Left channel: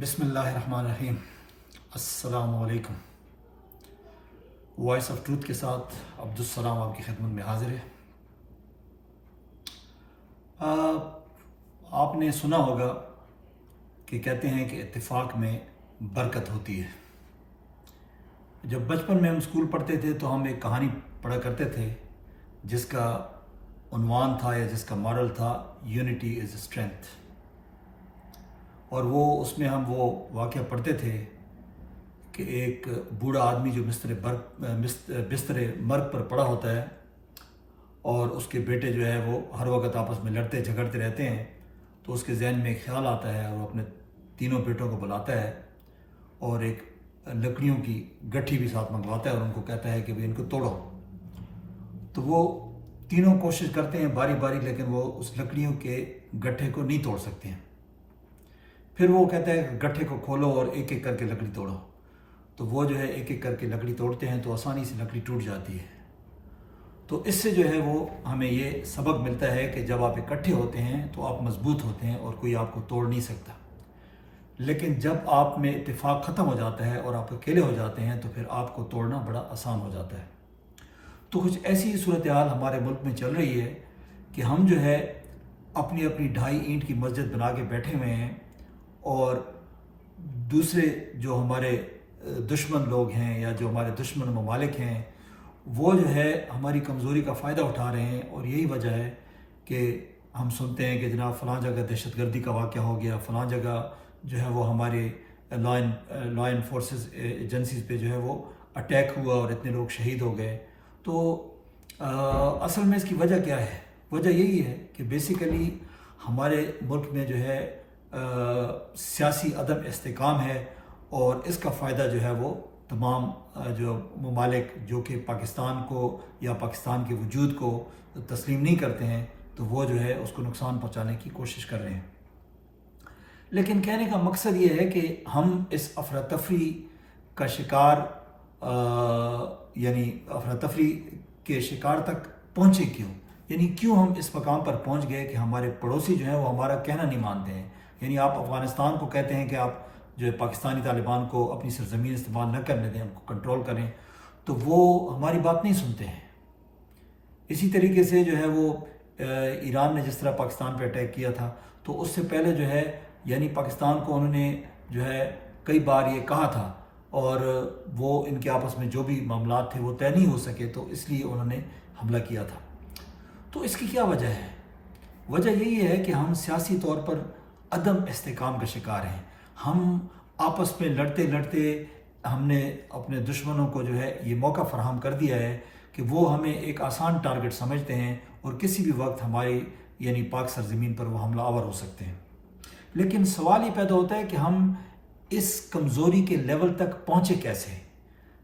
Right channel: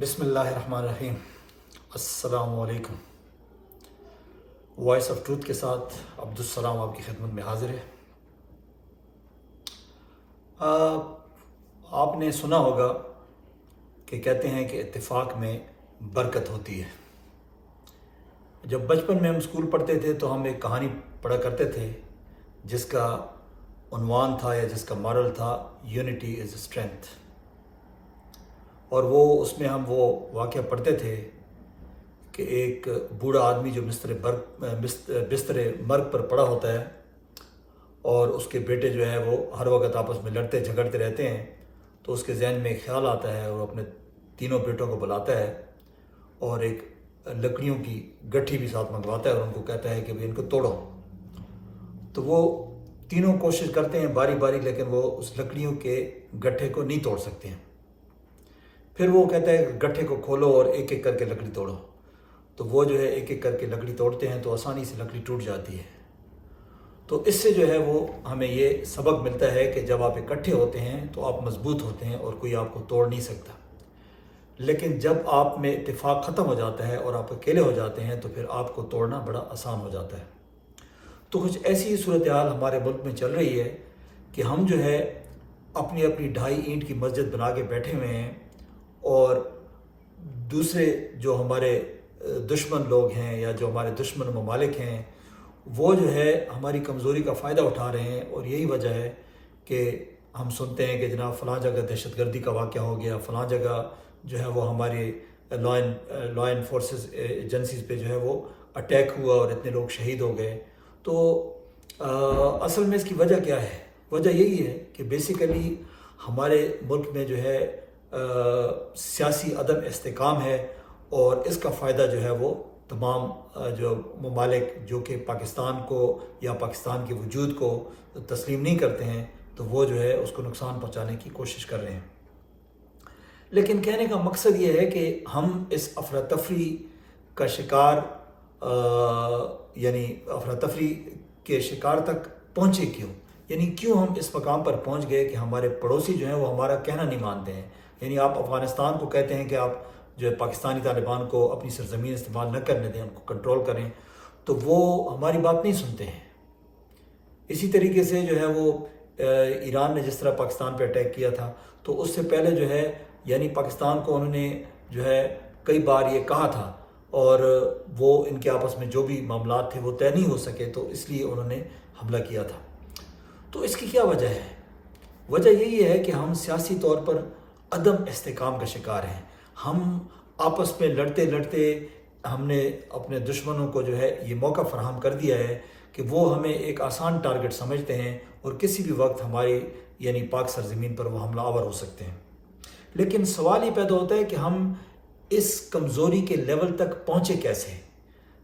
بسم اللہ الرحمن الرحیم۔ السلام علیکم۔ وائس آف ٹروتھ کے ساتھ عبدالسلام آپ کی خدمت میں حاضر ہے۔ آپ نے سنا ہوگا کہ کہتے ہیں کہ اتفاق میں برکت ہوتی ہے۔ جب بچپن میں ہم اسکول پڑھتے تھے تو ہم ایک کہانی پڑھا کرتے تھے جس کا عنوان تھا یا جس کا ماڈل تھا یونٹی از اسٹرینتھ، اور اس میں ہم وہ واقعہ پڑھتے تھے کہ ایک بوڑھا آدمی جو بستر مرگ پر پڑا ہوتا ہے اور اس کے بیٹے جو ہے وہ ہر وقت آپس میں لڑتے جھگڑتے رہتے ہیں، تو اس کے ذہن میں ایک خیال آتا ہے، وہ اپنے تینوں بیٹوں کو بلاتا ہے اور ایک لکڑیوں کی گٹھی بھی ساتھ منگواتا ہے اور ان کو کہتا ہے کہ ان کو توڑو۔ تو وہ تینوں کوشش کرتے ہیں باری باری، لیکن وہ اس لکڑیوں کے گٹھے کو نہیں توڑ سکتے ہیں۔ پھر وہ کہتا ہے کہ گٹھے کو کھولو اور ایک ایک کر کے لکڑی توڑو۔ تو وہ جو ہے ایک ایک کر کے لکڑی توڑتے ہیں تو آسانی سے لکڑی ٹوٹ جاتی ہے۔ تو اس سے جو ہے وہ ہمیں یہ سبق ملتا ہے کہ جب آپ اکٹھے ہوتے ہیں تو آپ مضبوط ہوتے ہیں اور کوئی آپ کو توڑ نہیں سکتا، لیکن جب آپ میں اتفاق ختم ہو جاتا ہے اور آپ اکیلے ہو جاتے ہیں تو پھر آپ کو توڑنا بڑا آسان ہو جاتا ہے۔ تو کچھ ایسی صورتحال ہمارے ملک میں چل رہی ہے کہ ہم جو ہے اپنی اپنی 2.5 اینٹ کی مسجد بنا کے بیٹھے ہوئے ہیں، اور دوسرے جو ہمارے دشمن لوگ ہیں یا جو ہمارے دشمن ممالک ہیں وہ جو ہے ہماری کمزوری کا فائدہ اٹھا رہے ہیں، اور یہی وجہ ہے کہ ہم سنتے ہیں کہ جناب فلاں جگہ دہشت گردی کا واقعہ ہو گیا، فلاں جگہ جو ہے وہ ہمارے لا انفورسز ایجنسیز پہ جو ہے وہ اٹیک ہوا اور اتنے لوگ شہید ہو گئے۔ تو اصل میں اس کی وجہ کیا ہے؟ وجہ یہی ہے کہ بیسیکلی ہمارے ملک میں جو ہے سیاسی عدم استحکام ہے، اور اس کا فائدہ جو ہے وہ تمام جو ممالک جو کہ پاکستان کو یا پاکستان کے وجود کو تسلیم نہیں کرتے ہیں تو وہ جو ہے اس کو نقصان پہنچانے کی کوشش کر رہے ہیں۔ لیکن کہنے کا مقصد یہ ہے کہ ہم اس افراتفری کا شکار یعنی افراتفری کے شکار تک پہنچے کیوں؟ یعنی کیوں ہم اس مقام پر پہنچ گئے کہ ہمارے پڑوسی جو ہیں وہ ہمارا کہنا نہیں مانتے ہیں؟ یعنی آپ افغانستان کو کہتے ہیں کہ آپ جو ہے پاکستانی طالبان کو اپنی سرزمین استعمال نہ کرنے دیں، ان کو کنٹرول کریں، تو وہ ہماری بات نہیں سنتے ہیں۔ اسی طریقے سے جو ہے وہ ایران نے جس طرح پاکستان پہ اٹیک کیا تھا، تو اس سے پہلے جو ہے یعنی پاکستان کو انہوں نے جو ہے کئی بار یہ کہا تھا، اور وہ ان کے آپس میں جو بھی معاملات تھے وہ طے نہیں ہو سکے، تو اس لیے انہوں نے حملہ کیا تھا۔ تو اس کی کیا وجہ ہے؟ وجہ یہی ہے کہ ہم سیاسی طور پر عدم استحکام کا شکار ہیں۔ ہم آپس میں لڑتے لڑتے ہم نے اپنے دشمنوں کو جو ہے یہ موقع فراہم کر دیا ہے کہ وہ ہمیں ایک آسان ٹارگٹ سمجھتے ہیں اور کسی بھی وقت ہماری یعنی پاک سرزمین پر وہ حملہ آور ہو سکتے ہیں۔ لیکن سوال یہ پیدا ہوتا ہے کہ ہم اس کمزوری کے لیول تک پہنچے کیسے؟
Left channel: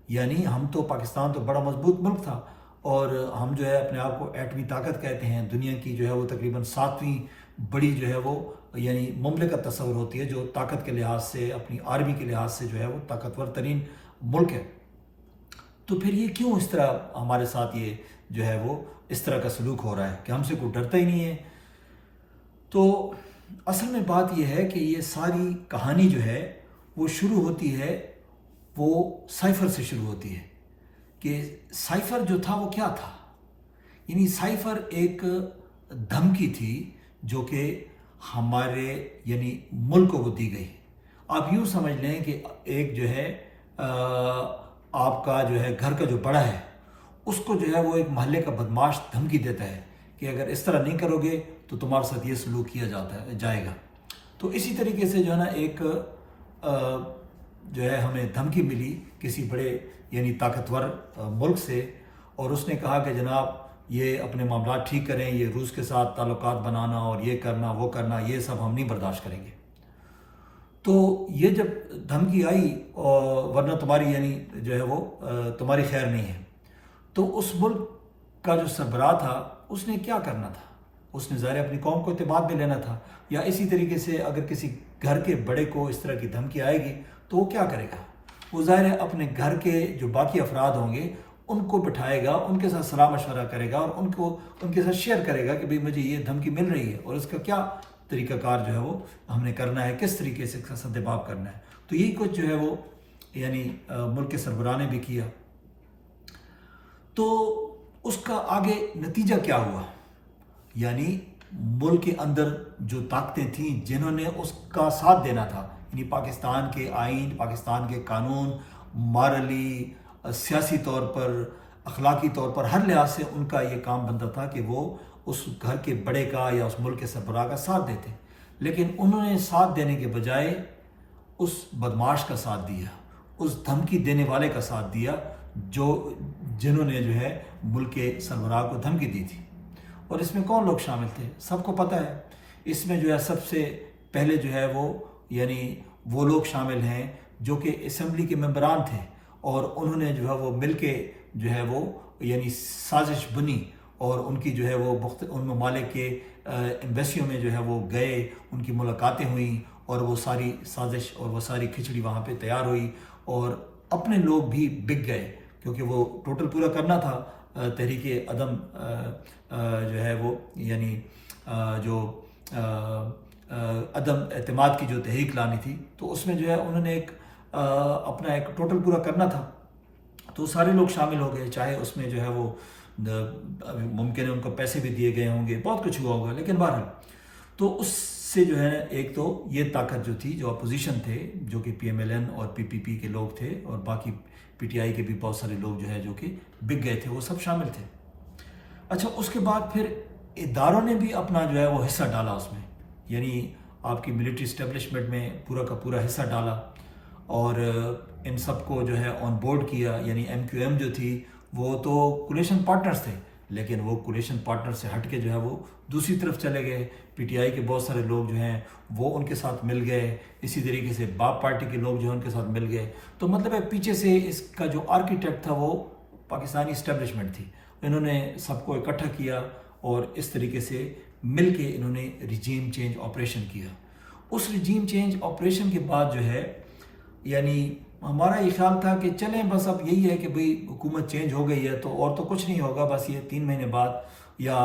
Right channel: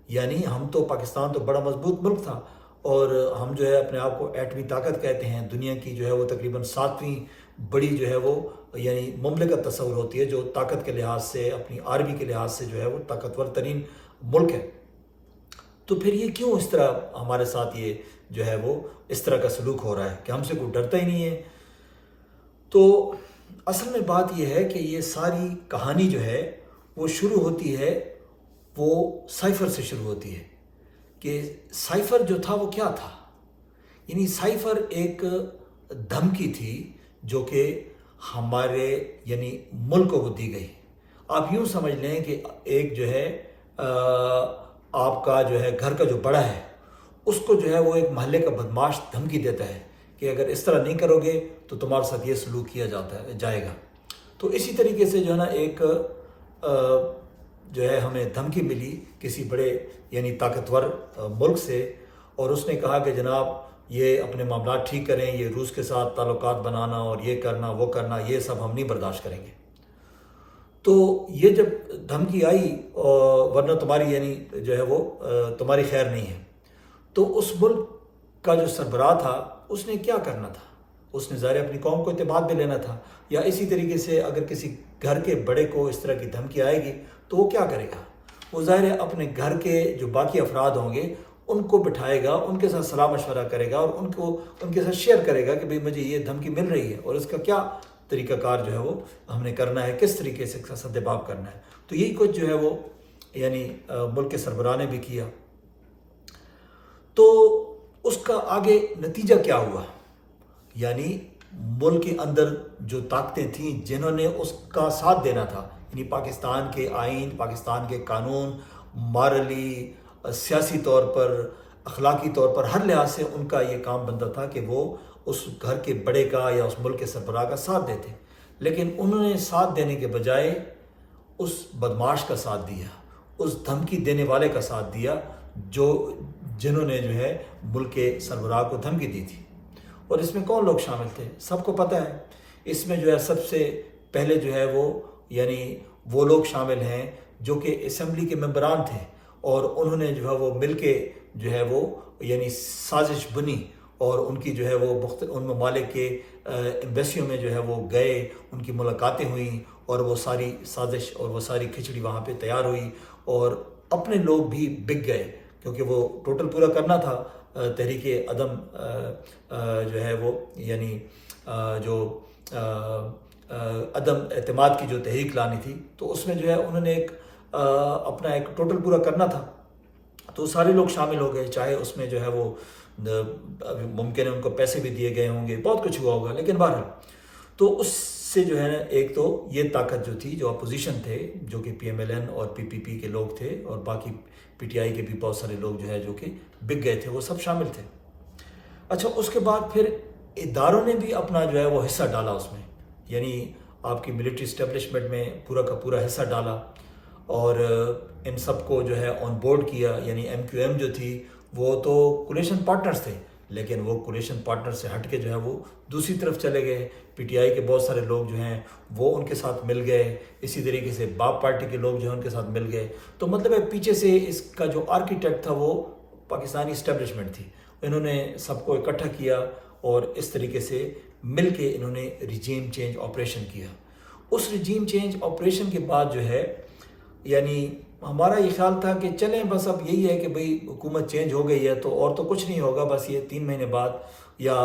یعنی ہم تو پاکستان تو بڑا مضبوط ملک تھا، اور ہم جو ہے اپنے آپ کو ایٹمی طاقت کہتے ہیں، دنیا کی جو ہے وہ تقریباً 7ویں بڑی جو ہے وہ یعنی مملکت تصور ہوتی ہے جو طاقت کے لحاظ سے اپنی آرمی کے لحاظ سے جو ہے وہ طاقتور ترین ملک ہے۔ تو پھر یہ کیوں اس طرح ہمارے ساتھ یہ جو ہے وہ اس طرح کا سلوک ہو رہا ہے کہ ہم سے کوئی ڈرتا ہی نہیں ہے؟ تو اصل میں بات یہ ہے کہ یہ ساری کہانی جو ہے وہ شروع ہوتی ہے، وہ سائفر سے شروع ہوتی ہے کہ سائفر جو تھا وہ کیا تھا؟ یعنی سائفر ایک دھمکی تھی جو کہ ہمارے یعنی ملک کو دی گئی۔ آپ یوں سمجھ لیں کہ ایک جو ہے آپ کا جو ہے گھر کا جو بڑا ہے اس کو جو ہے وہ ایک محلے کا بدماش دھمکی دیتا ہے کہ اگر اس طرح نہیں کرو گے تو تمہارے ساتھ یہ سلوک کیا جائے گا۔ تو اسی طریقے سے جو ہے نا ایک جو ہے ہمیں دھمکی ملی کسی بڑے یعنی طاقتور ملک سے، اور اس نے کہا کہ جناب یہ اپنے معاملات ٹھیک کریں، یہ روس کے ساتھ تعلقات بنانا اور یہ کرنا وہ کرنا یہ سب ہم نہیں برداشت کریں گے۔ تو یہ جب دھمکی آئی ورنہ تمہاری یعنی جو ہے وہ تمہاری خیر نہیں ہے، تو اس ملک کا جو سربراہ تھا اس نے کیا کرنا تھا؟ اس نے ظاہر اپنی قوم کو اعتماد میں لینا تھا، یا اسی طریقے سے اگر کسی گھر کے بڑے کو اس طرح کی دھمکی آئے گی تو وہ کیا کرے گا؟ وہ ظاہر ہے اپنے گھر کے جو باقی افراد ہوں گے ان کو بٹھائے گا، ان کے ساتھ صلاح مشورہ کرے گا اور ان کے ساتھ شیئر کرے گا کہ بھئی مجھے یہ دھمکی مل رہی ہے اور اس کا کیا طریقہ کار جو ہے وہ ہم نے کرنا ہے، کس طریقے سے سدباب کرنا ہے۔ تو یہی کچھ جو ہے وہ یعنی ملک کے سربراہ نے بھی کیا۔ تو اس کا آگے نتیجہ کیا ہوا؟ یعنی ملک کے اندر جو طاقتیں تھیں جنہوں نے اس کا ساتھ دینا تھا، یعنی پاکستان کے آئین، پاکستان کے قانون، مارلی، سیاسی طور پر، اخلاقی طور پر، ہر لحاظ سے ان کا یہ کام بنتا تھا کہ وہ اس گھر کے بڑے کا یا اس ملک کے سربراہ کا ساتھ دیتے، لیکن انہوں نے ساتھ دینے کے بجائے اس بدماش کا ساتھ دیا، اس دھمکی دینے والے کا ساتھ دیا جنہوں نے جو ہے ملک کے سربراہ کو دھمکی دی تھی۔ اور اس میں کون لوگ شامل تھے؟ سب کو پتہ ہے۔ اس میں جو ہے سب سے پہلے جو ہے وہ یعنی وہ لوگ شامل ہیں جو کہ اسمبلی کے ممبران تھے، اور انہوں نے جو ہے وہ مل کے جو ہے وہ یعنی سازش بنی، اور ان کی جو ہے وہ ان ممالک کے ایمبیسیوں میں جو ہے وہ گئے، ان کی ملاقاتیں ہوئیں، اور وہ ساری سازش اور وہ ساری کھچڑی وہاں پہ تیار ہوئی، اور اپنے لوگ بھی بک گئے کیونکہ وہ ٹوٹل پورا کرنا تھا تحریک عدم جو ہے وہ یعنی جو عدم اعتماد کی جو تحریک لانی تھی، تو اس میں جو ہے انہوں نے اپنا ایک ٹوٹل پورا کرنا تھا، تو سارے لوگ شامل ہو گئے، چاہے اس میں جو ہے وہ ممکن ہے ان کو پیسے بھی دیے گئے ہوں گے، بہت کچھ ہوا ہوگا، لیکن بہرحال تو اس سے جو ہے ایک تو یہ طاقت جو تھی، جو اپوزیشن تھے، جو کہ پی ایم ایل این اور پی پی پی کے لوگ تھے، اور باقی پی ٹی آئی کے بھی بہت سارے لوگ جو ہے جو کہ بک گئے تھے، وہ سب شامل تھے۔ اچھا، اس کے بعد پھر اداروں نے بھی اپنا جو ہے وہ حصہ ڈالا اس میں، یعنی آپ کی ملٹری اسٹیبلشمنٹ میں پورا کا پورا حصہ ڈالا، اور ان سب کو جو ہے آن بورڈ کیا۔ یعنی ایم کیو ایم جو تھی وہ تو کولیشن پارٹنرز تھے، لیکن وہ کولیشن پارٹنر سے ہٹ کے جو ہے وہ دوسری طرف چلے گئے۔ پی ٹی آئی کے بہت سارے لوگ جو ہیں وہ ان کے ساتھ مل گئے، اسی طریقے سے باپ پارٹی کے لوگ جو ہیں ان کے ساتھ مل گئے۔ تو مطلب ہے پیچھے سے اس کا جو آرکیٹیکٹ تھا وہ پاکستانی اسٹیبلشمنٹ تھی، انہوں نے سب کو اکٹھا کیا، اور اس طریقے سے مل کے انہوں نے ریجیم چینج آپریشن کیا۔ اس ریجیم چینج آپریشن کے بعد جو ہے یعنی ہمارا یہ خیال تھا کہ چلیں بس اب یہی ہے کہ بھئی حکومت چینج ہو گئی ہے تو اور تو کچھ نہیں ہوگا، بس یہ 3 مہینے بعد یا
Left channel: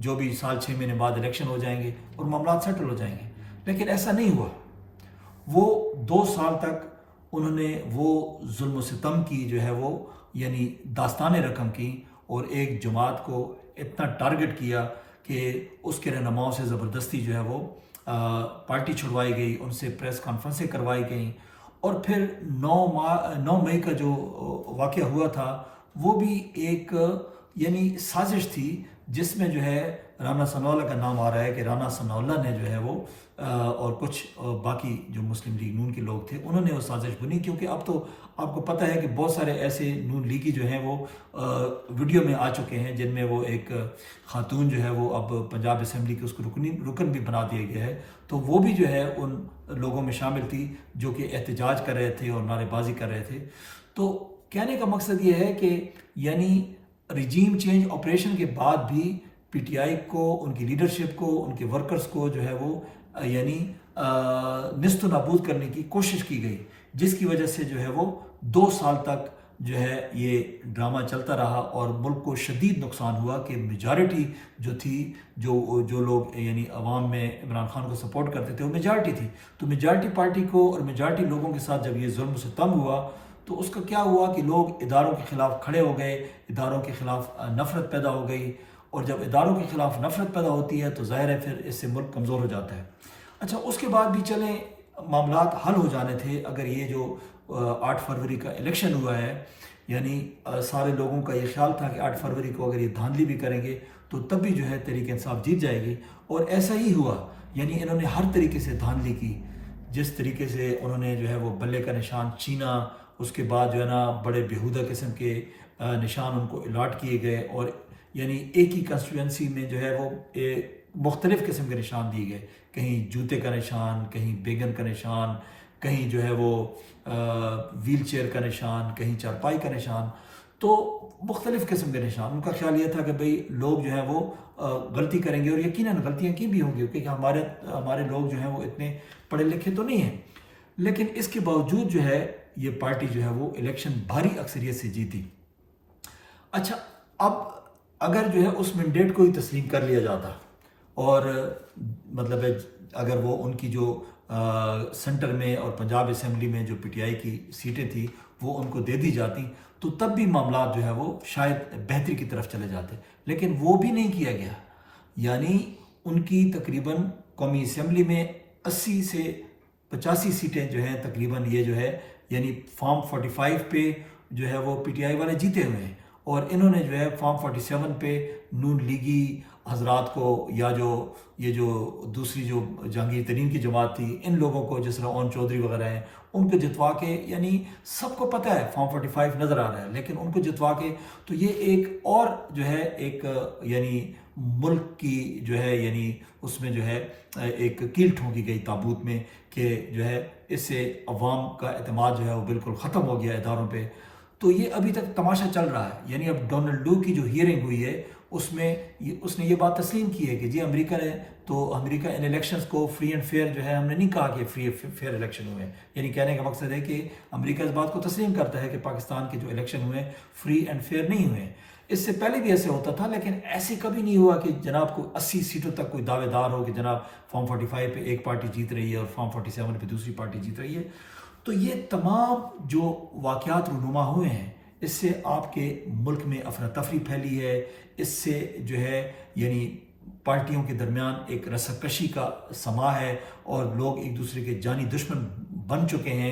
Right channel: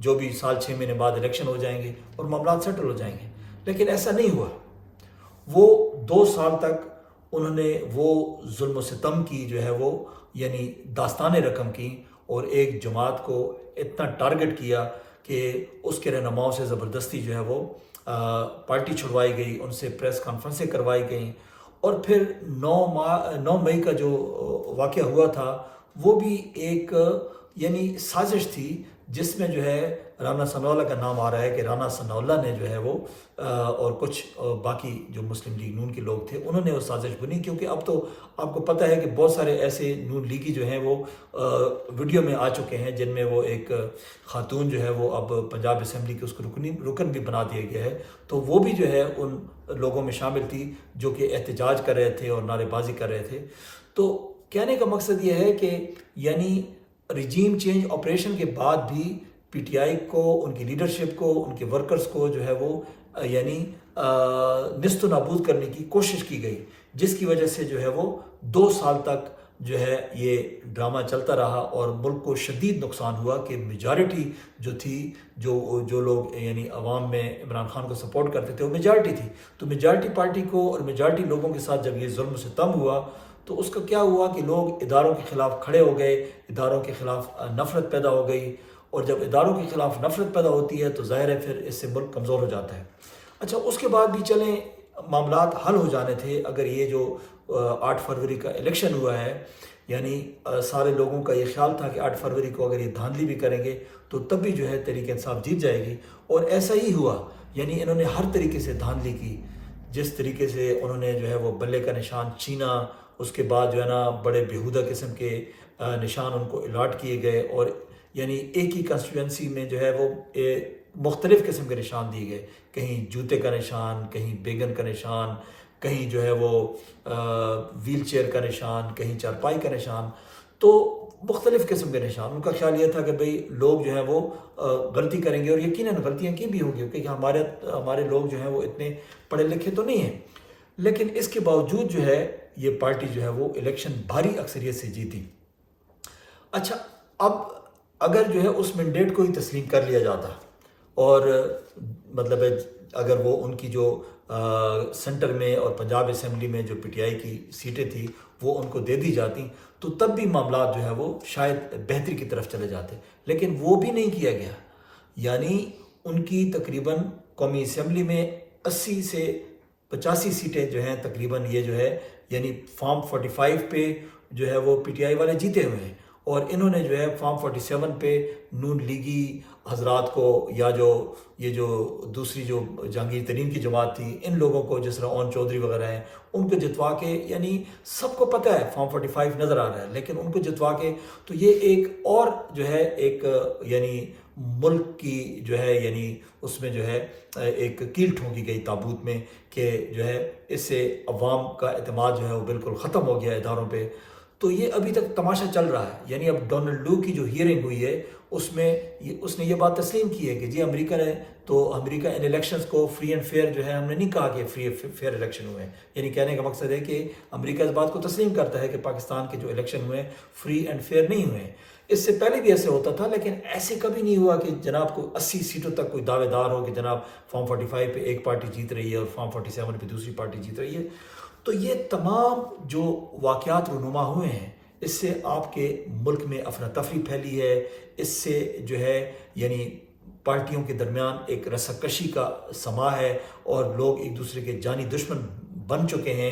جو بھی سال 6 مہینے بعد الیکشن ہو جائیں گے اور معاملات سیٹل ہو جائیں گے، لیکن ایسا نہیں ہوا۔ وہ 2 سال تک انہوں نے وہ ظلم و ستم کی جو ہے وہ یعنی داستانیں رقم کی، اور ایک جماعت کو اتنا ٹارگٹ کیا کہ اس کے رہنماؤں سے زبردستی جو ہے وہ پارٹی چھڑوائی گئی، ان سے پریس کانفرنسیں کروائی گئیں، اور پھر 9 مئی کا جو واقعہ ہوا تھا وہ بھی ایک یعنی سازش تھی، جس میں جو ہے رانا ثناء اللہ کا نام آ رہا ہے کہ رانا ثناء اللہ نے جو ہے وہ اور کچھ باقی جو مسلم لیگ نون کے لوگ تھے انہوں نے وہ سازش بنی، کیونکہ اب تو آپ کو پتہ ہے کہ بہت سارے ایسے نون لیگی جو ہیں وہ ویڈیو میں آ چکے ہیں، جن میں وہ ایک خاتون جو ہے وہ اب پنجاب اسمبلی کے اس کو رکن بھی بنا دیا گیا ہے، تو وہ بھی جو ہے ان لوگوں میں شامل تھی جو کہ احتجاج کر رہے تھے اور نعرے بازی کر رہے تھے۔ تو کہنے کا مقصد یہ ہے کہ یعنی ریجیم چینج آپریشن کے بعد بھی پی ٹی آئی کو، ان کی لیڈرشپ کو، ان کے ورکرز کو جو ہے وہ یعنی نیست و نابود کرنے کی کوشش کی گئی، جس کی وجہ سے جو ہے وہ 2 سال تک جو ہے یہ ڈرامہ چلتا رہا، اور ملک کو شدید نقصان ہوا کہ میجارٹی جو تھی، جو لوگ یعنی عوام میں عمران خان کو سپورٹ کرتے تھے وہ میجارٹی تھی، تو میجارٹی پارٹی کو اور میجارٹی لوگوں کے ساتھ جب یہ ظلم و ستم ہوا تو اس کا کیا ہوا کہ لوگ اداروں کے خلاف کھڑے ہو گئے، اداروں کے خلاف نفرت پیدا ہو گئی، اور جب اداروں کے خلاف نفرت پیدا ہوتی ہے تو ظاہر ہے پھر اس سے ملک کمزور ہو جاتا ہے۔ اچھا، اس کے بعد بھی چلیں معاملات حل ہو جانے تھے اگر یہ جو 8 فروری کا الیکشن ہوا ہے، یعنی سارے لوگوں کا یہ خیال تھا کہ 8 فروری کو اگر یہ دھاندلی بھی کریں گے تو تب بھی جو ہے تحریک انصاف جیت جائے گی، اور ایسا ہی ہوا۔ یعنی انہوں نے ہر طریقے سے دھاندلی کی، جس طریقے سے انہوں نے جو ہے وہ بلے کا نشان چھینا، اس کے بعد جو ہے نا بڑے بیہودہ قسم کے نشان ان کو الاٹ کیے گئے، اور یعنی ایک ہی کنسٹیٹوئنسی میں جو ہے وہ مختلف قسم کے نشان دیے گئے، کہیں جوتے کا نشان، کہیں بیگن کا نشان، کہیں جو ہے وہ ویل چیئر کا نشان، کہیں چارپائی کا نشان، تو مختلف قسم کے نشان۔ ان کا خیال یہ تھا کہ بھئی لوگ جو ہیں وہ غلطی کریں گے، اور یقیناً غلطیاں کی بھی ہوں گی کیونکہ ہمارے لوگ جو ہیں وہ اتنے پڑھے لکھے تو نہیں ہیں، لیکن اس کے باوجود جو ہے یہ پارٹی جو ہے وہ الیکشن بھاری اکثریت سے جیتی۔ اچھا، اب اگر جو ہے اس مینڈیٹ کو ہی تسلیم کر لیا جاتا اور مطلب اگر وہ ان کی جو سینٹر میں اور پنجاب اسمبلی میں جو پی ٹی آئی کی سیٹیں تھیں وہ ان کو دے دی جاتی تو تب بھی معاملات جو ہے وہ شاید بہتری کی طرف چلے جاتے، لیکن وہ بھی نہیں کیا گیا۔ یعنی ان کی تقریباً قومی اسمبلی میں 80 سے 85 سیٹیں جو ہیں تقریباً یہ جو ہے یعنی فارم 45 پہ جو ہے وہ پی ٹی آئی والے جیتے ہوئے ہیں، اور انہوں نے جو ہے فارم 47 پہ نون لیگی حضرات کو یا جو یہ جو دوسری جو جہانگیر ترین کی جماعت تھی ان لوگوں کو جس طرح اون چودھری وغیرہ ہیں ان کو جتوا کے، یعنی سب کو پتہ ہے فارم 45 نظر آ رہا ہے لیکن ان کو جتوا کے تو یہ ایک اور جو ہے ایک یعنی ملک کی جو ہے یعنی اس میں جو ہے ایک کیل ٹھونکی گئی تابوت میں کہ جو ہے اس سے عوام کا اعتماد جو ہے وہ بالکل ختم ہو گیا اداروں پہ۔ تو یہ ابھی تک تماشا چل رہا ہے۔ یعنی اب ڈونلڈ لو کی جو ہیئرنگ ہوئی ہے اس میں اس نے یہ بات تسلیم کی ہے کہ جی امریکہ ان الیکشنز کو فری اینڈ فیئر جو ہے، ہم نے نہیں کہا کہ فری فیئر الیکشن ہوئے ہیں، یعنی کہنے کا مقصد ہے کہ امریکہ اس بات کو تسلیم کرتا ہے کہ پاکستان کے جو الیکشن ہوئے ہیں فری اینڈ فیئر نہیں ہوئے ہیں۔ اس سے پہلے بھی ایسے ہوتا تھا لیکن ایسے کبھی نہیں ہوا کہ جناب کو 80 سیٹوں تک کوئی دعوے دار ہو کہ جناب فارم 45 پہ ایک پارٹی جیت رہی ہے اور فارم 47 پہ دوسری پارٹی جیت رہی ہے۔ تو یہ تمام جو واقعات رونما ہوئے ہیں اس سے آپ کے ملک میں افراتفری پھیلی ہے، اس سے جو ہے یعنی پارٹیوں کے درمیان ایک رساکشی کا سما ہے اور لوگ ایک دوسرے کے جانی دشمن بن چکے ہیں،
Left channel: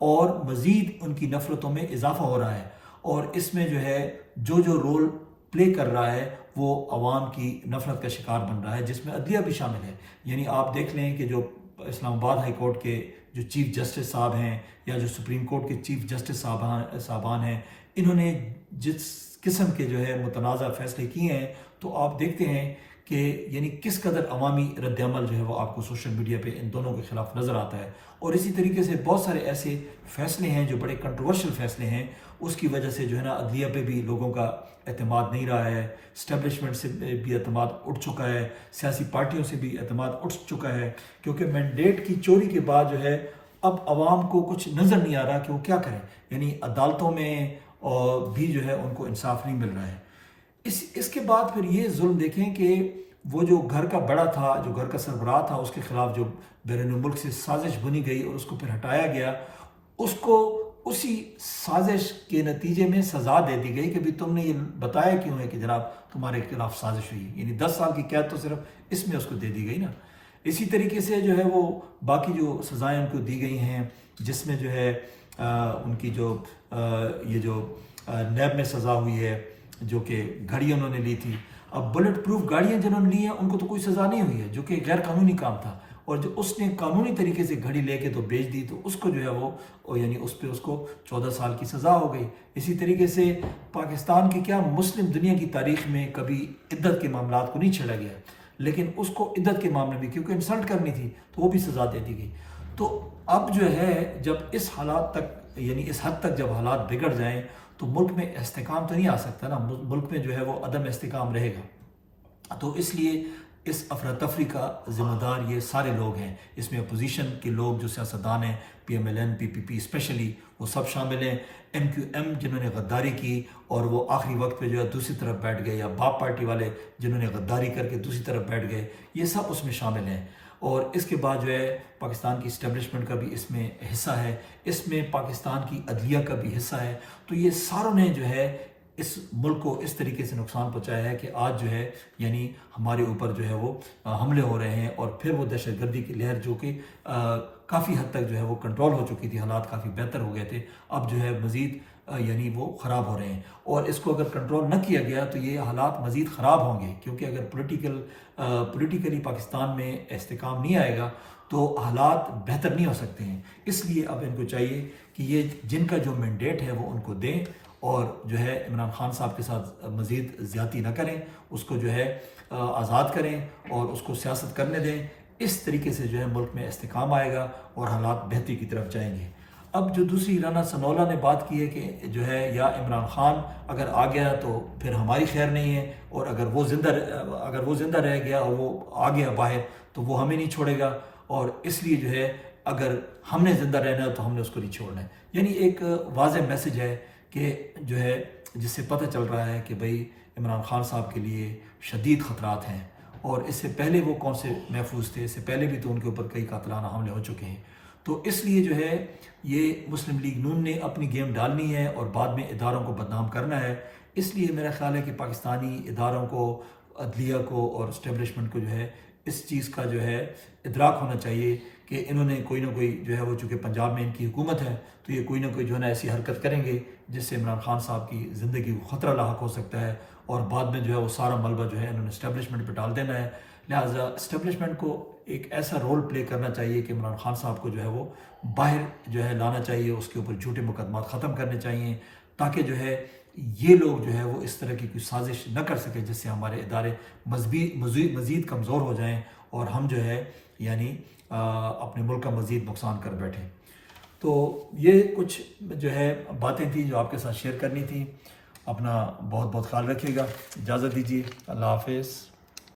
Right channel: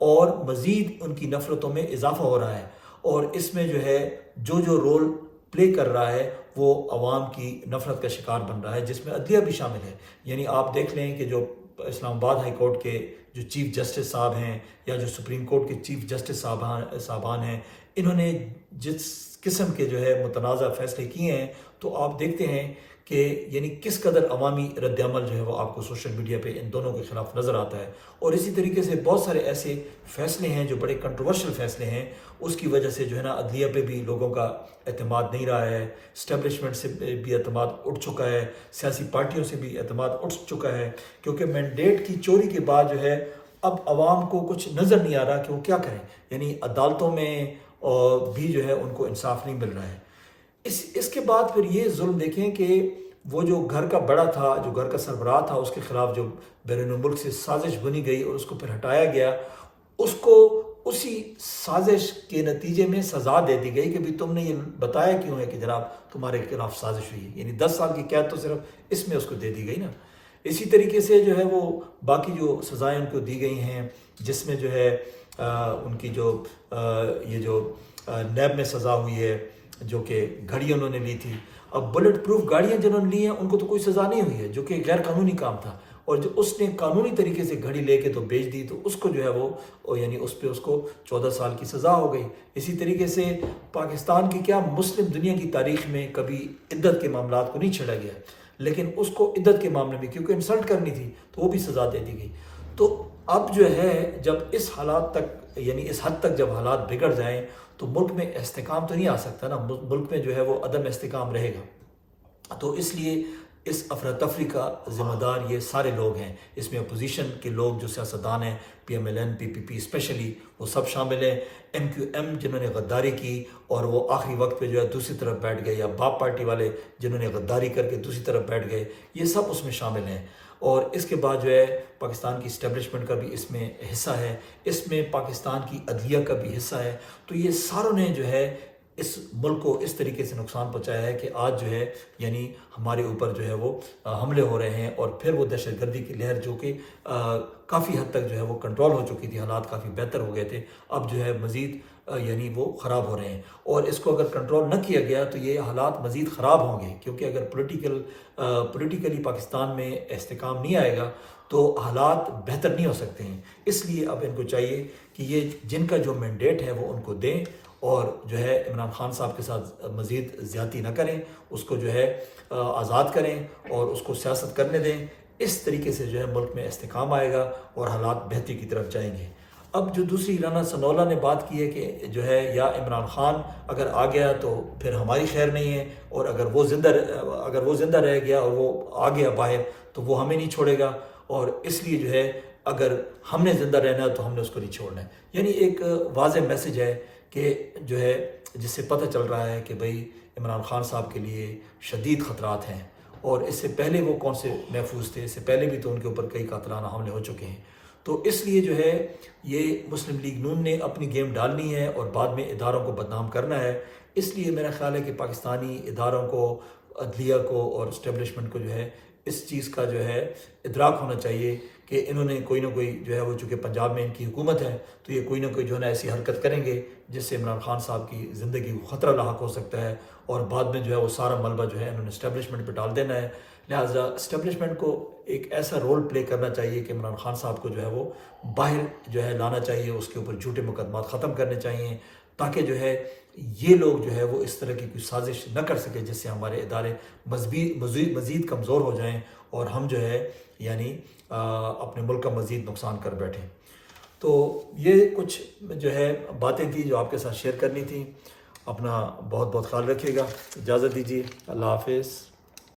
اور مزید ان کی نفرتوں میں اضافہ ہو رہا ہے، اور اس میں جو ہے جو رول پلے کر رہا ہے وہ عوام کی نفرت کا شکار بن رہا ہے، جس میں عدلیہ بھی شامل ہے۔ یعنی آپ دیکھ لیں کہ جو اسلام آباد ہائی کورٹ کے جو چیف جسٹس صاحب ہیں یا جو سپریم کورٹ کے چیف جسٹس صاحبان ہیں، انہوں نے جس قسم کے جو ہے متنازع فیصلے کیے ہیں تو آپ دیکھتے ہیں کہ یعنی کس قدر عوامی رد عمل جو ہے وہ آپ کو سوشل میڈیا پہ ان دونوں کے خلاف نظر آتا ہے۔ اور اسی طریقے سے بہت سارے ایسے فیصلے ہیں جو بڑے کنٹروورشل فیصلے ہیں، اس کی وجہ سے جو ہے نا عدلیہ پہ بھی لوگوں کا اعتماد نہیں رہا ہے، اسٹیبلشمنٹ سے بھی اعتماد اٹھ چکا ہے، سیاسی پارٹیوں سے بھی اعتماد اٹھ چکا ہے، کیونکہ مینڈیٹ کی چوری کے بعد جو ہے اب عوام کو کچھ نظر نہیں آ رہا کہ وہ کیا کریں۔ یعنی عدالتوں میں بھی جو ہے ان کو انصاف نہیں مل رہا ہے۔ اس کے بعد پھر یہ ظلم دیکھیں کہ وہ جو گھر کا بڑا تھا، جو گھر کا سربراہ تھا، اس کے خلاف جو بیرون ملک سے سازش بنی گئی اور اس کو پھر ہٹایا گیا، اس کو اسی سازش کے نتیجے میں سزا دے دی گئی کہ بھی تم نے یہ بتایا کیوں ہے کہ جناب تمہارے خلاف سازش ہوئی، یعنی 10 سال کی قید تو صرف اس میں اس کو دے دی گئی نا۔ اسی طریقے سے جو ہے وہ باقی جو سزائیں ان کو دی گئی ہیں، جس میں جو ہے ان کی جو یہ جو نیب میں سزا ہوئی ہے، جو کہ گھڑی انہوں نے لی تھی۔ اب بلٹ پروف گاڑیاں جنہوں نے لی ہیں ان کو تو کوئی سزا نہیں ہوئی ہے، جو کہ غیر قانونی کام تھا، اور جو اس نے قانونی طریقے سے گھڑی لے کے تو بیچ دی تو اس کو جو ہے وہ یعنی اس پہ اس کو 14 سال کی سزا ہو گئی۔ اسی طریقے سے پاکستان کی کیا مسلم دنیا کی تاریخ میں کبھی عدت کے معاملات کو نہیں چھیڑا گیا، لیکن اس کو عدت کے معاملے میں کیونکہ انسلٹ کرنی تھی تو وہ بھی سزا دے دی گئی۔ تو اب جو ہے جب اس حالات تک یعنی اس حد تک جب حالات بگڑ جائیں تو ملک میں استحکام تو نہیں آ سکتا نا، ملک میں جو ہے وہ عدم استحکام رہے گا۔ تو اس لیے اس افراتفری کا ذمہ دار یہ سارے لوگ ہیں، اس میں اپوزیشن کے لوگ جو سیاستدان ہیں، پی ایم ایل این، پی پی پی اسپیشلی، وہ سب شامل ہیں، ایم کیو ایم جنہوں نے غداری کی اور وہ آخری وقت پہ جو ہے دوسری طرف بیٹھ گئے، یا باپ پارٹی والے جنہوں نے غداری کر کے دوسری طرف بیٹھ گئے، یہ سب اس میں شامل ہیں۔ اور اس کے بعد جو ہے پاکستان کی اسٹیبلشمنٹ کا بھی اس میں حصہ ہے، اس میں پاکستان کی عدلیہ کا بھی حصہ ہے۔ تو یہ ساروں نے جو ہے اس ملک کو اس طریقے سے نقصان پہنچایا ہے کہ آج جو ہے یعنی ہمارے اوپر جو ہے وہ حملے ہو رہے ہیں، اور پھر وہ دہشت گردی کی لہر جو کہ کافی حد تک جو ہے وہ کنٹرول ہو چکی تھی، حالات کافی بہتر ہو گئے تھے، اب جو ہے مزید یعنی وہ خراب ہو رہے ہیں، اور اس کو اگر کنٹرول نہ کیا گیا تو یہ حالات مزید خراب ہوں گے، کیونکہ اگر پولیٹیکلی پاکستان میں استحکام نہیں آئے گا تو حالات بہتر نہیں ہو سکتے ہیں۔ اس لیے اب ان کو چاہیے کہ یہ جن کا جو مینڈیٹ ہے وہ ان کو دیں، اور جو ہے عمران خان صاحب کے ساتھ مزید زیادتی نہ کریں، اس کو جو ہے آزاد کریں اور اس کو سیاست کرنے دیں۔ اس طریقے سے جو ہے ملک میں استحکام آئے گا اور حالات بہتری کی طرف جائیں گے۔ اب جو دوسری رانا ثناءاللہ نے بات کی ہے کہ جو ہے یا عمران خان اگر آ گیا تو پھر ہماری خیر نہیں ہے، اور اگر وہ زندہ رہ گیا اور وہ آ گیا باہر تو وہ ہمیں نہیں چھوڑے گا، اور اس لیے جو ہے اگر ہم نے زندہ رہنا ہے تو ہم نے اس کو نہیں چھوڑنا ہے۔ یعنی ایک واضح میسج ہے کہ جو ہے جس سے پتہ چل رہا ہے کہ بھئی عمران خان صاحب کے لیے شدید خطرات ہیں، اور اس سے پہلے وہ کون سے محفوظ تھے، اس سے پہلے بھی تو ان کے اوپر کئی قاتلانہ حملے ہو چکے ہیں۔ تو اس لیے جو ہے یہ مسلم لیگ نون نے اپنی گیم ڈالنی ہے اور بعد میں اداروں کو بدنام کرنا ہے۔ اس لیے میرا خیال ہے کہ پاکستانی اداروں کو، عدلیہ کو اور اسٹیبلشمنٹ کو جو ہے اس چیز کا جو ہے ادراک ہونا چاہیے کہ انہوں نے کوئی نہ کوئی جو ہے وہ، چونکہ پنجاب میں ان کی حکومت ہے تو یہ کوئی نہ کوئی جو ہے نا ایسی حرکت کریں گے جس سے عمران خان صاحب کی زندگی کو خطرہ لاحق ہو سکتا ہے، اور بعد میں جو ہے وہ سارا ملبہ جو ہے انہوں نے اسٹیبلشمنٹ پہ ڈال دینا ہے۔ لہٰذا اسٹیبلشمنٹ کو ایک ایسا رول پلے کرنا چاہیے کہ عمران خان صاحب کو جو ہے وہ باہر جو ہے لانا چاہیے، اس کے اوپر جھوٹے مقدمات ختم کرنے چاہیے، تاکہ جو ہے یہ لوگ جو ہے وہ اس طرح کی کوئی سازش نہ کر سکے جس سے ہمارے ادارے مزید کمزور ہو جائیں اور ہم جو ہے یعنی اپنے ملک کا مزید نقصان کر بیٹھیں۔ تو یہ کچھ جو ہے باتیں تھیں جو آپ کے ساتھ شیئر کرنی تھیں۔ اپنا بہت بہت خیال رکھیے گا، اجازت دیجیے، اللہ حافظ۔